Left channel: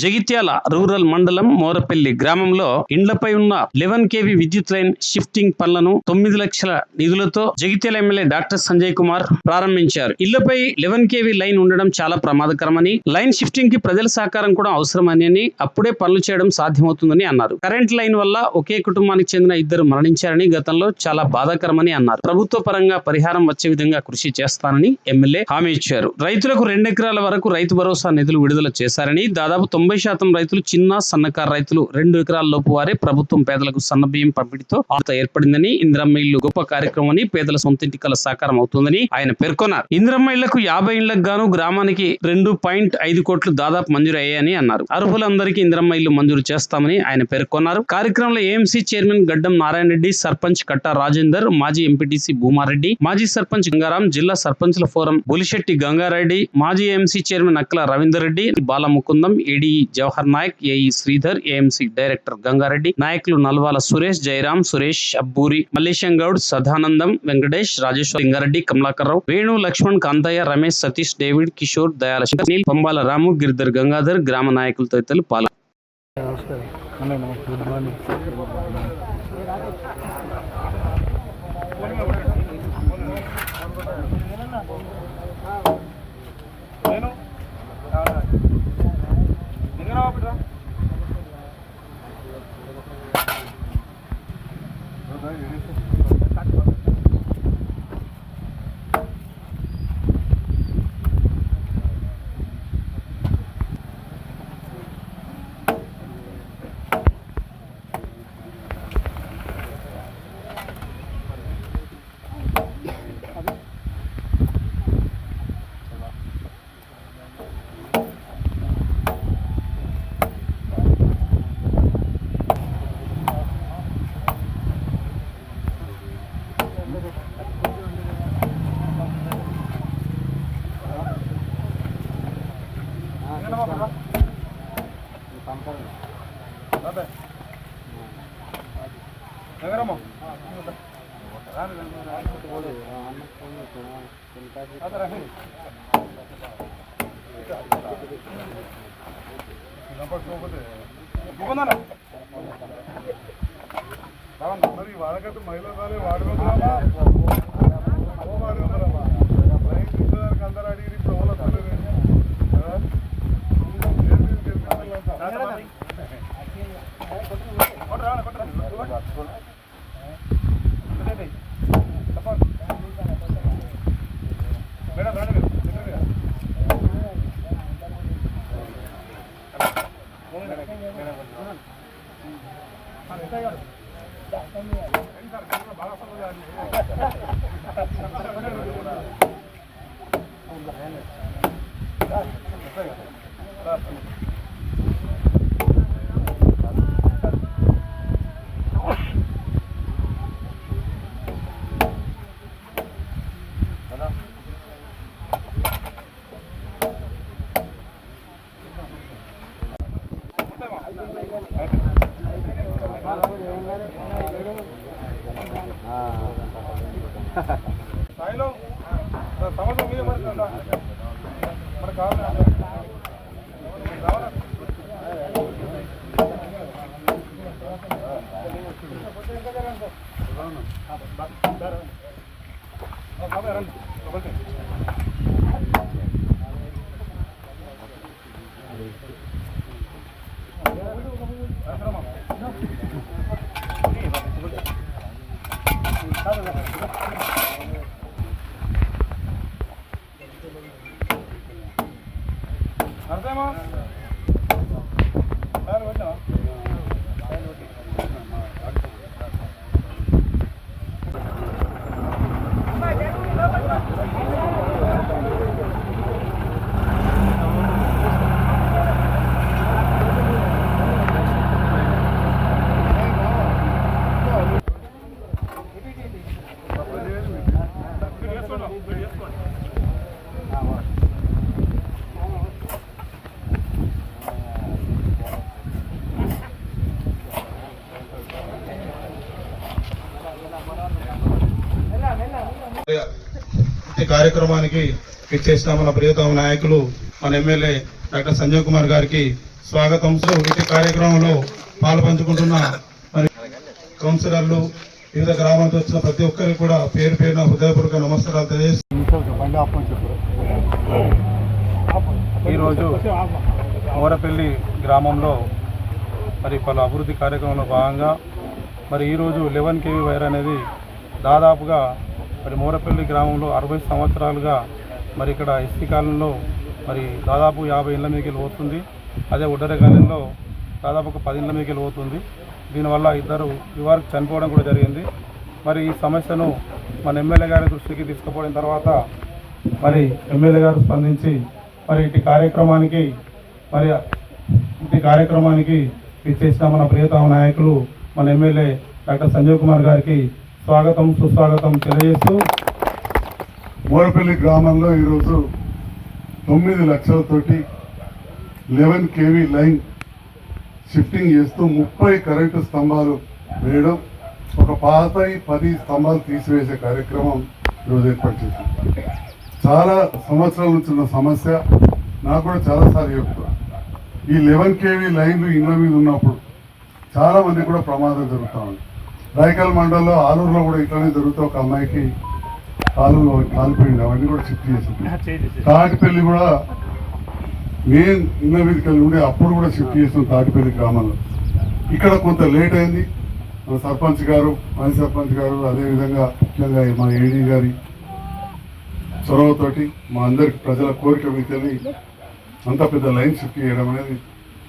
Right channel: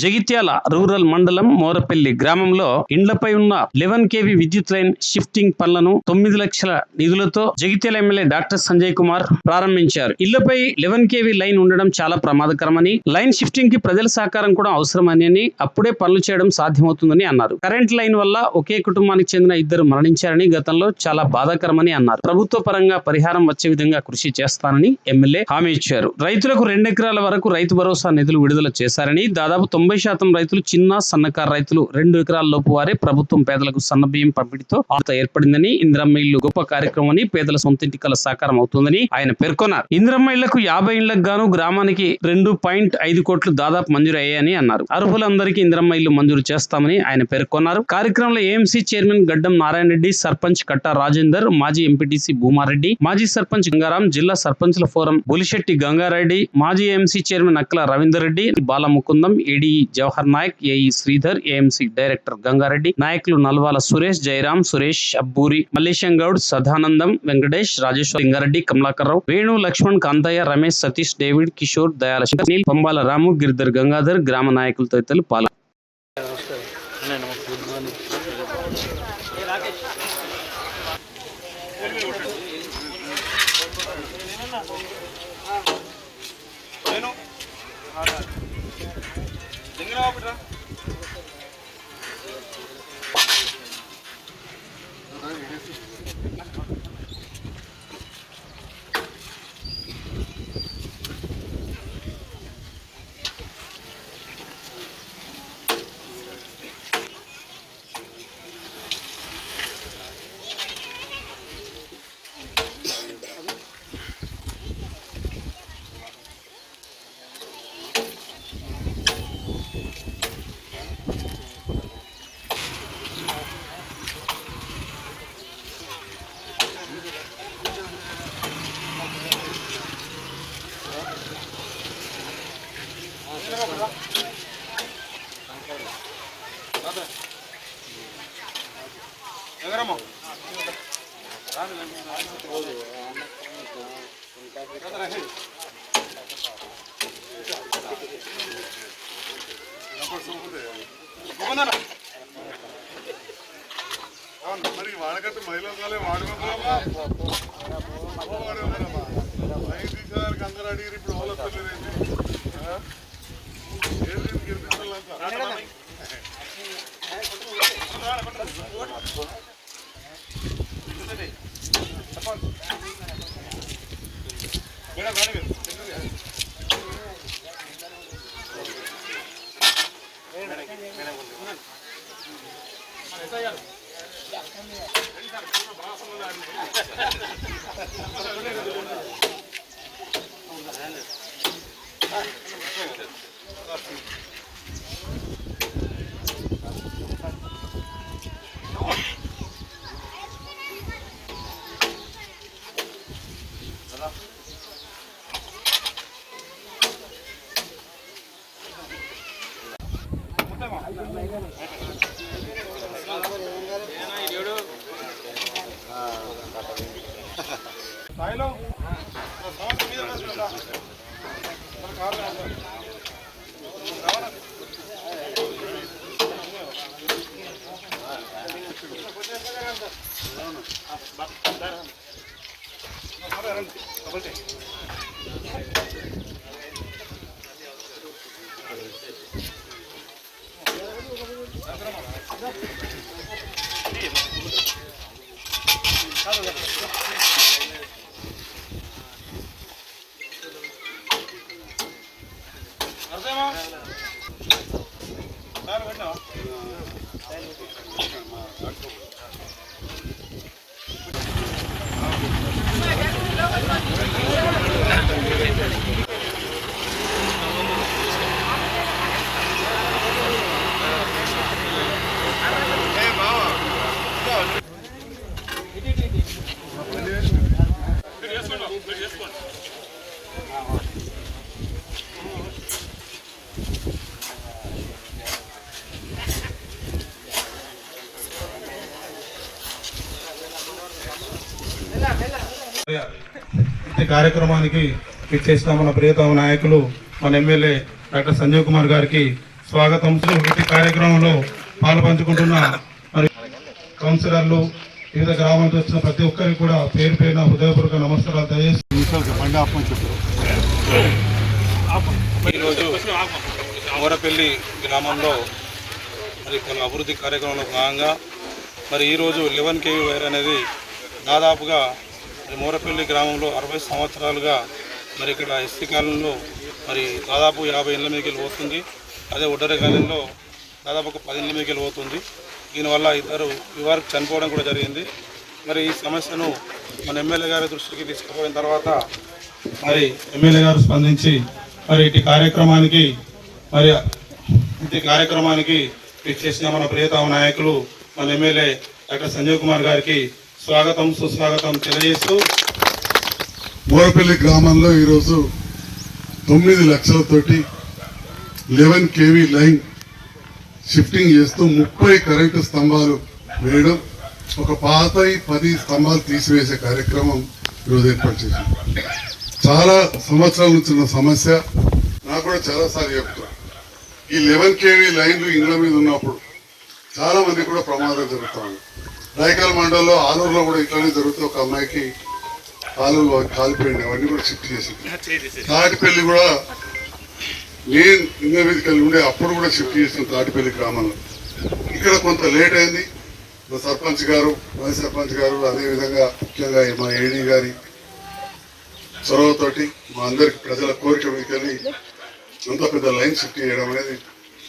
Jagtial rural మండలం మోరపల్లి గ్రామంలో ఇండ్లపై ఉన్న 11 kV విద్యుత్ లైన్ షిఫ్టింగ్ పనులను 9 లక్షల నిధులతో జగిత్యాల ఎమ్మెల్యే డాక్టర్ సంజయ్ కుమార్ ప్రారంభించారు. ఇళ్లపై 11 kV లైన్ ఉండడం చాలా ప్రమాదకరమని, లైన్ షిఫ్టింగ్ కి ప్రజల సహకారం కూడా అవసరమని, అప్పుడే పనులు చేయడం సాధ్యమవుతుందని అన్నారు. కరెంట్ లైన్ వల్ల ఒకే కుటుంబానికి చెందిన 2 మరణించారని, గతంలో చాలా బాధాకరమని అన్నారు. ప్రభుత్వ పరంగా పరిహారం వచ్చే విధంగా కృషి చేస్తానని ఎమ్మెల్యే హామీ ఇచ్చారు. రైతులకు 2 ఎకరాల వరకు రైతు భరోసా నిధులు విడుదల చేశారని, దాదాపు 90% రైతులు చిన్న సన్నకారు రైతులు 2 ఎకరాల లోపు వారే ప్రభుత్వం పేదలకు సన్నబియ్యం పంపిణీతో ఆత ఏర్పడిందని, ఇందిరమ్మ ఇల్లు గొప్ప కార్యక్రమం, పేదల సొంతింటి కల సాకారం అవుతుందని ఆయన పేర్కొన్నారు. ఇందిరమ్మ ఇళ్లకు 50 ఇళ్లకు గాను గ్రామానికి 2.5 కోట్లు దాదాపు మంజూరు అయ్యాయని అన్నారు. అర్హులందరికీ ఇందిరమ్మ ఇల్లు మంజూరు చేస్తామని ఆయన పేర్కొన్నారు. కార్యక్రమంలో ఏఎంసీ చైర్మన్ గడ్డం నారాయణ రెడ్డి, సర్పంచ్ కట్టా రాజేందర్, మాజీ ఎంపీటీసీ భూమారెడ్డి, మాజీ సర్పంచ్ గంగారాం, జిల్లా సర్పంచ్ల ఫోరం బులిశెట్టి గంగారెడ్డి, మాజీ AMC chairman Akkala Ravinder Reddy, Balamukundam, AD Jawahar Naik, AE Sridhar, AMC director Gangareddy, నాయకులు నల్వాల సురేష్, జయరాం, సురేష్, అబ్బూరి, మల్లేశం గౌడ్, సదానందం, వెంకటేష్, రాజేశ్వర, లింగారెడ్డి, కమలాకర్రావు, వేణు, లక్ష్మణ్, కాంతయ్య, రమేష్, సతీష్, డేవిడ్, కిషోర్, దయాల శంకర్, నీల్, పంబాల రాము, గిరిధర్ గంగాధర్, గ్రామ నాయకులు తదితరులు పాల్గొన్నారు. మరి వాడకట్టు మహిళా వాడుకోరామా లైట్ తీసేదానికి అందరూ అడిగి ఇప్పుడు ఓలు వస్తలేదండి. స్థాయిలో సంవత్సరం మీద పడుతుందా మన కావాలి అర్థమా సార్ పెట్టినా ఈ కార్యక్రమానికి ఇచ్చేసిన మన ప్రియతమ నాయకులు మన ఎమ్మెల్యే డాక్టర్ సంజయ్ కుమార్ గారికి స్వాగతం. ఇటు కార్యక్రమంలో పాల్పంచుకుంటున్న మరి కౌన్సిలర్లు, వివిధ గ్రామాల నుంచి వచ్చిన ప్రతి ఒక్కరికి కూడా పేరు పేరున హృదయపూర్వక నమస్కారాలు తెలియజేస్తున్నాను. బండి ఆపని చెప్పారు. ఈరోజు మోరపల్లి గ్రామంలో మరి పలు అభివృద్ధి కార్యక్రమంలో భాగంగా మరి ఈరోజు 11 kV వైర్ అనేది దాదాపుగా మరి మోరపల్లి గ్రామంలో 60 సంవత్సరాలుగా మరి ఇక్కడ ఎస్సీ కాలనీలో మరి దాదాపు 50 ఇళ్ళ మీదకి వెళ్ళిపోతుంది. అదే ఒడ్డర కాలనీలో దాదాపు ఒక 10 ఇళ్ళ మీదకి వెళ్ళిపోతుంది. దీనివల్ల ఇద్దరు యువకులు చనిపోవడం కూడా జరిగింది. మరి ఈ సమస్యను మన ఎమ్మెల్యే గారి దృష్టికి తీసుకుపోయిన తర్వాత మరి ఎమ్మెల్యే గారు స్పందించి మరి ఇటు కార్యక్రమానికి ఇచ్చేసిన మన ప్రియతమ నాయకులు మన ఎమ్మెల్యే డాక్టర్ సంజయ్ కుమార్ గారికి స్వాగతం సుస్వాగతం తెలియజేస్తూ మోరపల్లి గ్రామంలో ఈరోజు 9 లక్షలతోటి 11 kV లైన్ షిఫ్టింగ్ చేస్తూ 30 కరెంటు స్తంభాలు వేయడం, ఒక పాత 10 స్తంభాలు తీసివేసే కార్యక్రమం ఈరోజు ఏర్పాటు చేశాం. చాలా సంవత్సరాల నుంచి ఉన్న సమస్య, నాకు కూడా చాలాసార్లు చెప్తాను. ఈ 11 kV లైన్లు ఇళ్ళ మీద ఉన్నప్పుడు చాలా మంది కూడా ప్రమాదం జరుగుతూ ఉంది. రాయకల్ మండలంలో ఆలూరులో కూడా ఇట్లానే జరుగుతూ ఒక అమ్మాయికి ఆలూరు కాలిపోయింది. అవన్నీ కూడా షిఫ్ట్ చేసింది. తాటిపల్లి కూడా మెయిన్ ఇళ్ళ మీదకి వెళ్ళి ఉండే అప్పుడు కూడా షిఫ్ట్ చేసిన తాటిపల్లి గ్రామంలో. ఇక్కడ కొంత లేట్ అయింది. మన సర్పంచ్ గారు, మాజీ సర్పంచ్ గారు, అదేవిధంగా ముఖ్యంగా మా ఏడీ గారి చొరవతోటి మా అందరికి ప్రజల కోరిక మీదకెళ్ళి అంత పెద్ద లైన్ షిఫ్ట్ చేయడం అనేది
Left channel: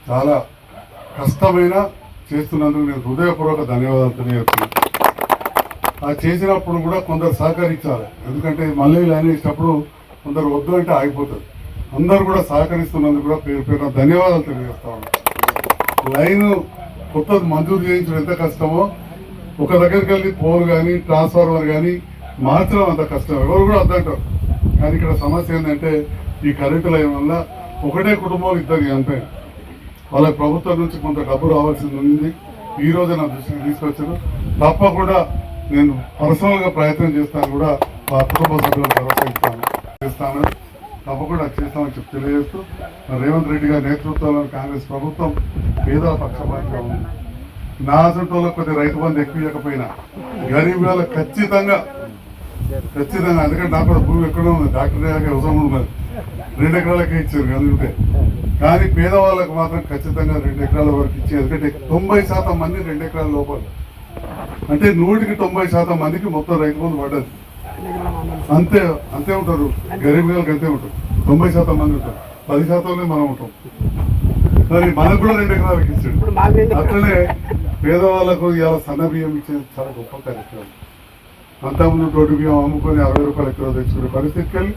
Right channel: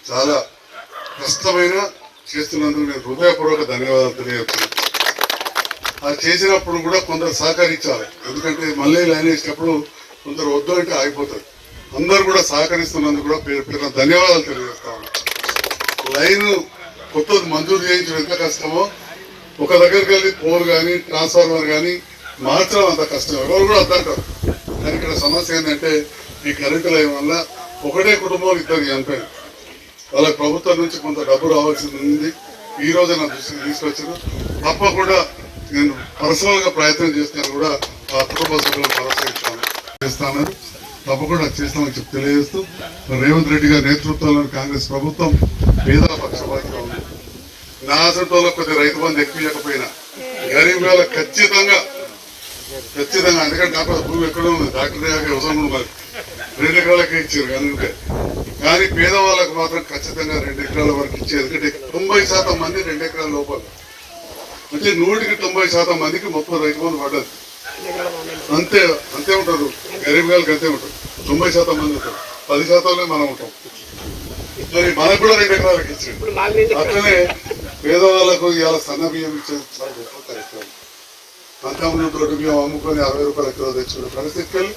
చాలా కష్టమైన చేస్తున్నందుకు నేను హృదయపూర్వక ధన్యవాదాలు తెలియజేస్తున్నాను. అది చేసినప్పుడు కూడా కొందరు సహకరించాలి. ఎందుకంటే మళ్ళీ లైన్ వేసినప్పుడు కొందరు వద్దు అంటే ఆగిపోతుంది. అందరూ కూడా సహకరిస్తున్నందుకు కూడా పేరు పేరున ధన్యవాదాలు తెలియజేస్తా ఉన్నాను. లైన్ కొత్తది మంజూరు చేయించడం ఎంత కష్టమో, ఒక దగ్గరికి వెళ్ళి పోల్ కానీ ట్రాన్స్ఫార్మర్ కానీ మార్చడం అంత కష్టం. ఎవరు కూడా అర్థంటారు. కానీ ఇక్కడ సమస్య ఏంటంటే ఈ కరెంటు లైన్ వల్ల ఒకటే కుటుంబంలో ఇద్దరు చనిపోయారు. వాళ్ళకి ప్రభుత్వం నుంచి కొంత డబ్బు రావాల్సి ఉంది. ఈ రోజు నా దృష్టికి తీసుకొచ్చారు. తప్పకుండా నేను పర్సనల్గా ప్రయత్నం చేస్తాను, కూడా మా కుటుంబ సభ్యులను భరోసా చేస్తాను. తప్పకుండా చేస్తామని చెప్పి తెలియజేస్తూ, రేవంత్ రెడ్డి గారి నేతృత్వంలోని కాంగ్రెస్ ప్రభుత్వం పేదల పక్షపాతిగా ఉంది. నా అసంటోలో కొద్ది రైతు బంధు ఎక్కువ ఇవ్వకపోయినా గరీబ్ వాళ్ళకి ఖచ్చితంగా ఎందుకంటే నాకు భూమి ఎక్కడ ఉంది, డాక్టర్ అవసరం మరి 2 ఎకరాలకే ఇచ్చారు అందుకే. కానీ పేదవాళ్ళకు మాత్రం ఖచ్చితంగా 2 ఎకరాల వరకు ఇచ్చారు. ఎందుకంటే 90% మంది 2 ఎకరాల లోపల, అంటే 100కి 90% మందికి మొత్తం రైతు బంధు పడ్డది. అంతే ఉంటారు గరీబ్ వాళ్ళకి, అంతే ఉంటారు. 90% మంది ఉంటారు, 10% మనం ఉంటాం. మరి మనకు కూడా 2 ఎకరాలకు ఇచ్చాడు. అట్లనే పేదవాళ్ళకు ఇవాళ సన్న బియ్యం ఇచ్చేది చాలా గొప్ప కార్యక్రమం. అంతకుముందు తోటి బియ్యం అమ్ముకొని 60 రూపాయలు ఎక్కువ తెచ్చుకునే పరిస్థితికి వెళ్ళి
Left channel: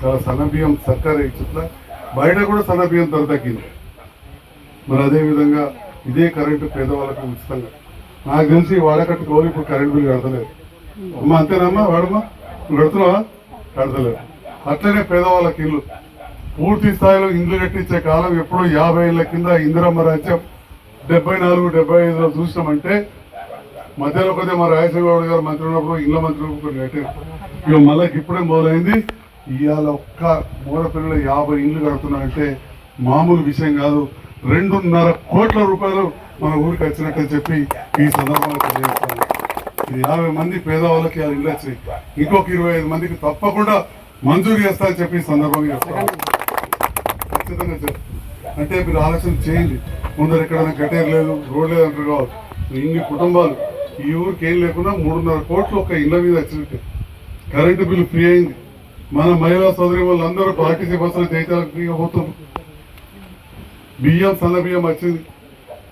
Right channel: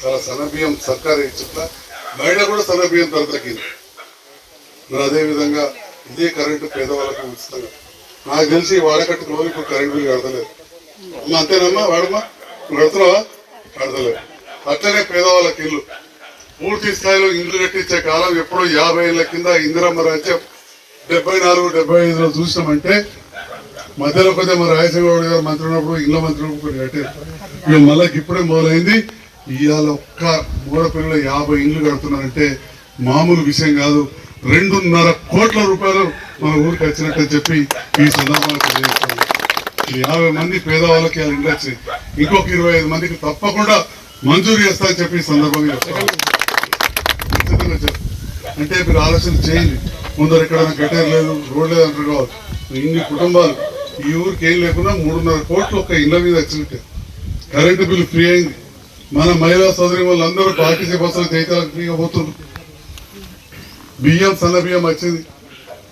చాలా సన్న బియ్యం సర్కారు ఇచ్చుట్లా బయట కూడా సన్న బియ్యం ధర తగ్గింది. మరి అదేవిధంగా ఇదే కరెంటు పేదవాళ్ళకు ఉచితంగా. నాకు తెలిసి వాడకట్టు రోజు ఇప్పుడు కరెంట్ బిల్లు కడతలేదు. అమ్మ అంతేనమ్మా, వాడమ్మా నువ్వు కడుతున్నావా? కడతలేదు. అట్లనే పేదవాళ్ళకి ఇల్లు పూర్తి స్థాయిలో ఇండ్లు కట్టించే కాలం ఎప్పుడో 50 ఏళ్ల కింద ఇందిరమ్మ రాజ్యం 74-75లో చూసినామంటే మధ్యలో కొద్దిగా మా రాయసింగౌడ్ గారు మంత్రి ఉన్నప్పుడు ఇళ్ళ మంత్రి కొన్ని కట్టారు. ఇక మళ్ళీ ఇప్పుడే మొదలైంది. ఇవాళ ఒక్క మోరపల్లిలో 50 ఇండ్లు కడుతున్నారంటే మామూలు విషయం కాదు. 2.5 కోట్ల రూపాయలు మన ఊరికి వచ్చినట్టు చెప్పి ఈ సందర్భంగా తెలియజేస్తాను. 50 మంది పేదవాళ్ళకి ఇవాళ ఇండ్లు వచ్చింది. ఇంకొక 25 మందికి తప్పకుండా మంజూరు చేస్తా అని చెప్పి ఈ సందర్భంగా చెప్తాను. ఖచ్చితంగా అంటే మీరు ఆలోచన చేయండి. ముందర ఎక్కడైనా కట్టేరు లేదు, రోడ్ లేదు అంటారు కావచ్చు. ఇన్ని కుటుంబాలు ఈ ఊరికి ఏం లేకుండా 3.5 కోట్లు ఒక ఇళ్ళ మీద వచ్చినట్టే. కరెంటు బిల్లు ఫ్రీ అయింది. మన మహిళా సోదరి వాళ్ళందరూ ఆర్టీసీ బస్సులు జైతాలకు ఫ్రీగా పోతున్నారు. బియ్యం సన్న బియ్యం వచ్చింది.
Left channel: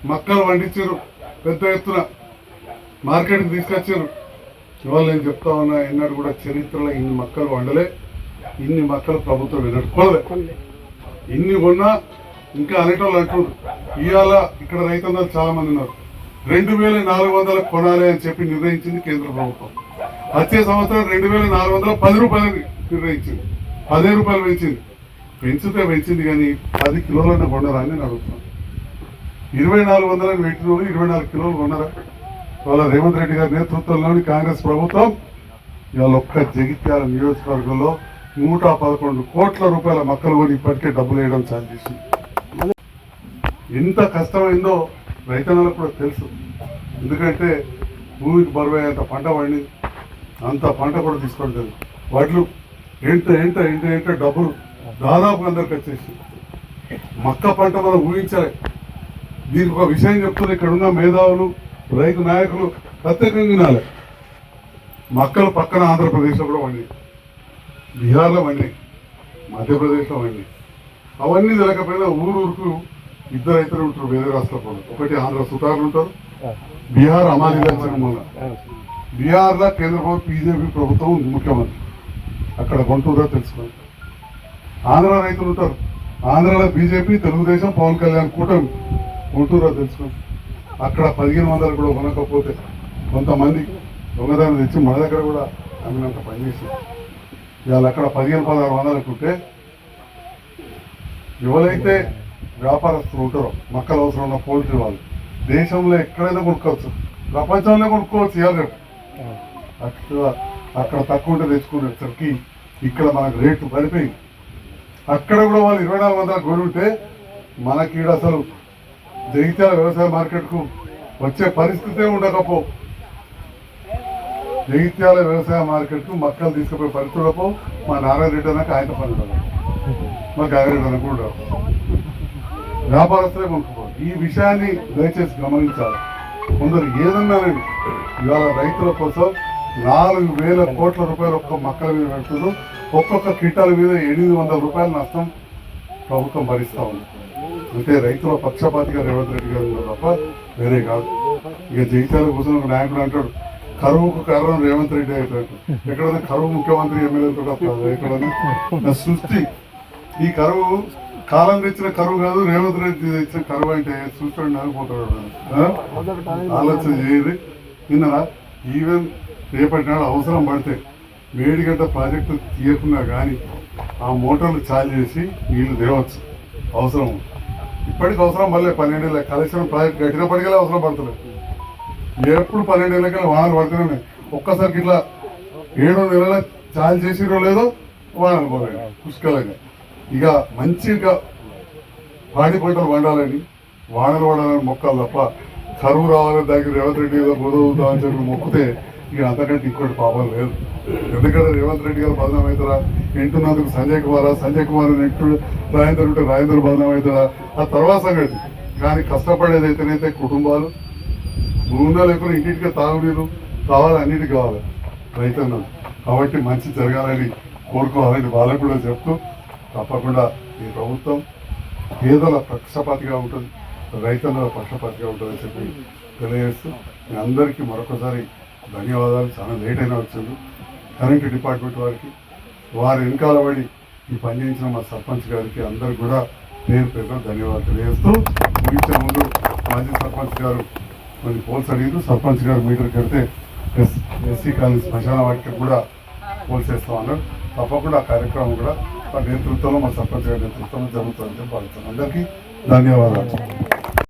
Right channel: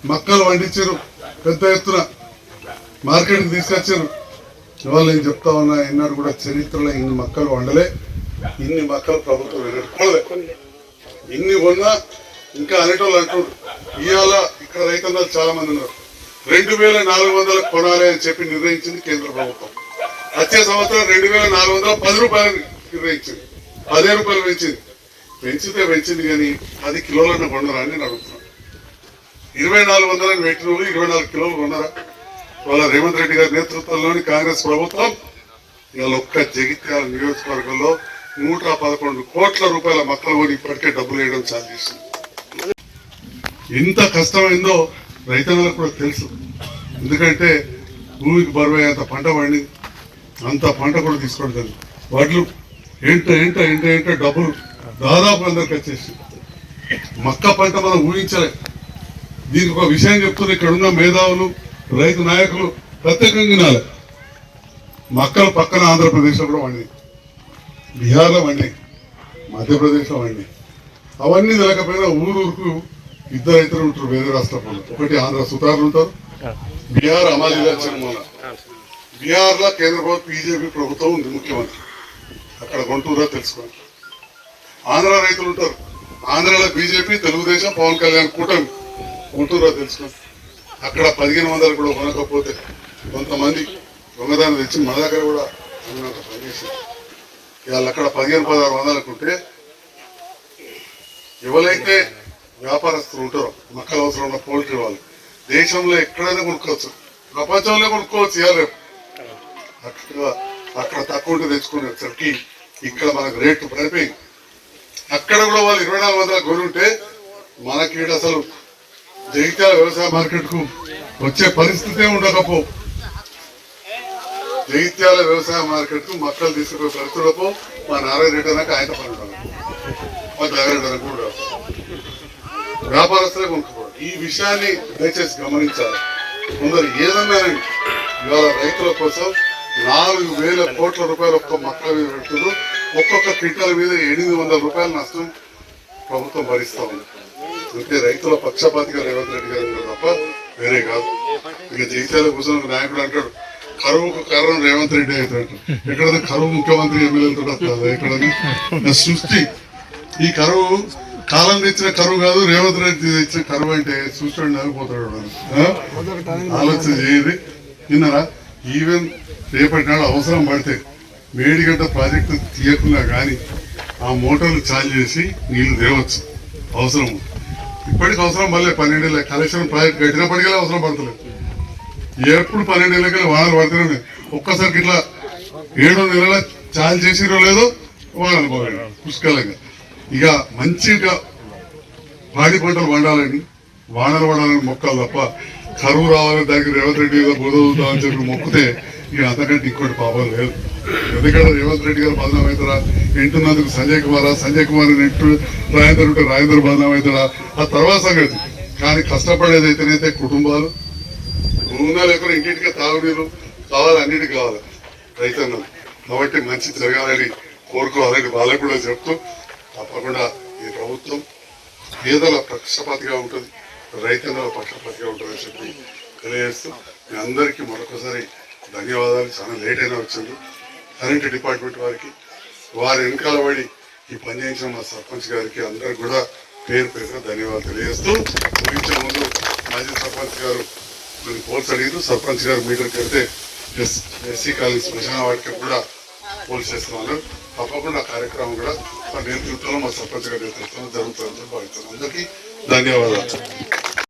మక్కలు వండించారు, పెద్ద ఎత్తున మార్కెట్కి తీసుకొచ్చారు. ఇవాళ నేను చెప్తా ఉన్నా, ఎన్నడూ కూడా చరిత్రలో ఇన్ని మక్కలు వండలే, ఇన్ని మక్కలు ప్రభుత్వం కొనలే. ఇన్ని కొన్నా ఇంకా అనేటోళ్ళు అంటున్నారు. ఇవాళ ఇక్కడ రైతన్నలు చాలా మంది ఉన్నారు. 2400 కొనాలి అని చెప్పి నిర్ణయించింది కేంద్ర ప్రభుత్వం. వచ్చే సంవత్సరం 2410 రూపాయలు నిర్ణయించింది. 10 రూపాయలు పెంచింది కానీ 10 కిలోలను కొనరా అని నేను అడుగుతున్నాను. 2400 పెట్టిన వాళ్ళు 24 కిలోలు కొనరా? ఇవాళ రేవంత్ రెడ్డి గారి నేతృత్వంలోని కాంగ్రెస్ ప్రభుత్వం ఇవాళ ఒక్క జగిత్యాల నియోజకవర్గంలో 111 కోట్ల రూపాయల మక్కలు కొని ఇప్పటికే డబ్బులు వేయడం చాలు చేసింది. ఎంత కష్టమైందో రైతన్నలకు కూడా తెలుసు. ఎందుకంటే భూమికి బరువై అంత పంట పండి అంత పంట కూడా తీసుకోవడం తెలుసు. వడ్లు ఏంట డబ్బులు దాదాపు అందరికి వచ్చేసి మక్క పంట మనం ఊహించలే. దీనికి ఒక విషయం చెప్తున్నా, ఇక్కడ ఉన్న మేధావులు రైతు నాయకులు ప్రత్యేకంగా వినాలి. మక్కలు పక్కన ఆంధ్రప్రదేశ్లో కూడా వండి, బీహార్లో వండి, మధ్యప్రదేశ్లో వండి. అవన్నీ తెలియకపోయినా ఊరుకు ఇద్దరు రైతులు ఉంటారు వేరే రాష్ట్రాల్లో. ఒకటి ఆంధ్ర సుతారులు ఉంటారు, బీహార్ అమాలి లక్ష్మణ. బీహార్లో కేంద్ర ప్రభుత్వం బీజేపీ ప్రభుత్వం ఉంది, ముఖ్యమంత్రి అక్కడ గుంటూరులో తెలుసుకోండి. ఆంధ్ర రైతులు ఉంటారు, ఆంధ్రాలో బీజేపీ తెలుగుదేశం పవన్ కళ్యాణ్ కూటమి గుంటూరులో తెలుసుకోండి. అక్కడ 1500 కూడా కొనకపోతే కొంతమంది దొంగదాన్ని తెచ్చి మన దగ్గర కూడా అమ్మినంత పనిచేసింది. ఇవాళ అక్కడ 1500-1600 ఉంటే ఎవరైతే వ్యాపారస్తులు ఉంటారో మక్కలు అవసరం ఉన్న పోల్ట్రీ వాళ్ళు దేశంలో ఎక్కడైనా కొనుక్కోవచ్చు, ప్రపంచంలో కొనుక్కోవచ్చు. ఇవాళ రేపు అక్కడ తక్కువ ఉంటే తెచ్చుకునేసరికి ఇక్కడ మనకు రేటు పడిపోయింది. అక్కడ కూడా వాళ్ళు 2400 కొని ఉంటే మనకి అసలు జగిత్యాల వ్యవసాయ మార్కెట్కు వచ్చే పరిస్థితే ఉండకపో. జగిత్యాల వ్యవసాయ మార్కెట్కు మక్కలు తీసుకుపోయే పరిస్థితులపో. మా నారాయణ రెడ్డి అన్నాక ఆయన పని ఉండదు, మా గారెడ్డి అన్నకు కూడా వ్యాపారస్తులే కొనుక్కోవడం. ఈ విషయాన్ని దయచేసి గమనించాలి. కొందరు ఏదన్నా ఇవాళ రైతుల కోసం 4000 కోట్ల రూపాయలు ఒక్క మక్కల మీద పెడుతున్నారు. ఒక్కొక్క క్వింటాల మీద 800 రూపాయల నష్టం ప్రభుత్వం భరిస్తా ఉంది. అంటే రైతుల పక్షపాతిగా రేవంత్ రెడ్డి గారు ఉన్నారు తప్ప వేరే కాదు. ఇక జగిత్యాల కూర్చొని ఒక నాయకుడు అంటాడు కరువుకు కారణం రేవంత్ రెడ్డి అవుతాడు. ఎక్కడైనా కరువు ముఖ్యమంత్రి ఎమ్మెల్యేలతో వస్తుంది. ఎక్కడైనా సృష్టి ఈ కరువు కాలం తెచ్చిన కరువు కాదు, రేవంత్ రెడ్డి తెచ్చిన కరువు అంటే చూస్తాడు నవ్విపోతాడు. ఆలోచన చేయండి. విన్నారా? ఈవెన్ రేపటి నాడు అవసరం పడితే మేడిగడ్డ ప్రాజెక్టు తీయకున్నా కానీ ఆ మోటార్లు చాలు చేసి నీళ్లు తేవచ్చు అవసరం. ఇప్పటికి అవసరం మళ్ళీ 12 ఏళ్ళ కలెక్షన్ ప్రాజెక్ట్ కట్టినప్పటికీ అవసరం పడతలేదు. ఎప్పుడు 12 ఏళ్ళకి వానలు పడుతూనే ఒక్కసారికి ఇట్లా 7 నెలల చాలు చేసిరో లేదో వానలు పోయాడు పుష్కలంగా. ఇక మంచిగా పాడి పంటలు పండాలని వానలు పడాలని మొక్కలు తప్ప కరువు రావాలని దానికి రేవంత్ రెడ్డి ఏదో బోధవుతా అని చెప్పి మొక్కితే ఇక అంతకంటే ఇంకోటి పాపం లేదు. ఎందుకంటే రేవంత్ రెడ్డి గారు బదనాం అవుతారా, ఎంటున్నందుకు సంజయ్ కుమార్ నెట్టు రాజేందర్ ఉంటే రాజేందర్ బదనాం అవుతాడా ఆ తర్వాత సంగతి. కానీ కష్టపడేది అయితేనైతే కుటుంబాలు భూమిలో లేకుండా ఇంటింటికి తాగునీరు కావాలి, అన్నిటికీ కావాలి రైతన్నలు. కాబట్టి మంచి జరగాలని కోరుకోవాలని వాళ్ళకు కూడా చెప్తూ తప్పకుండా ఈ ప్రభుత్వం పేదల పక్షపాతిగా ఉంటుంది, రైతన్నల పక్షపాతిగా ఉంటుందని చెప్పి తెలియజేస్తూ మీ అందరికీ మరొకసారి ధన్యవాదాలు. చాలా లేట్ అయినా వచ్చింది. కరెంట్ డిపార్ట్మెంట్ వారికి, వారి వెనకాల పడి ఈ పని చేయించిన మా సర్పంచ్ గారికి అందరికి కూడా పేరు పేరున ధన్యవాదాలు తెలియజేస్తూ ముగించే ముందు మాజీ సర్పంచ్ గారు కొన్ని పోల్స్ అడిగారు. సర్పంచ్ గారు మీటర్ కడితే ఎస్సీ కాలనీ శ్మశాన వాటికి కూడా పోల్స్ వేస్తామన్నారు. తప్పకుండా ఆ కార్యక్రమం కూడా మా నేతృత్వంలో, మా సర్పంచ్ గారి నేతృత్వంలో జరుగుతుందని చెప్పి భావిస్తున్నాను. అందరికీ ధన్యవాదాలు.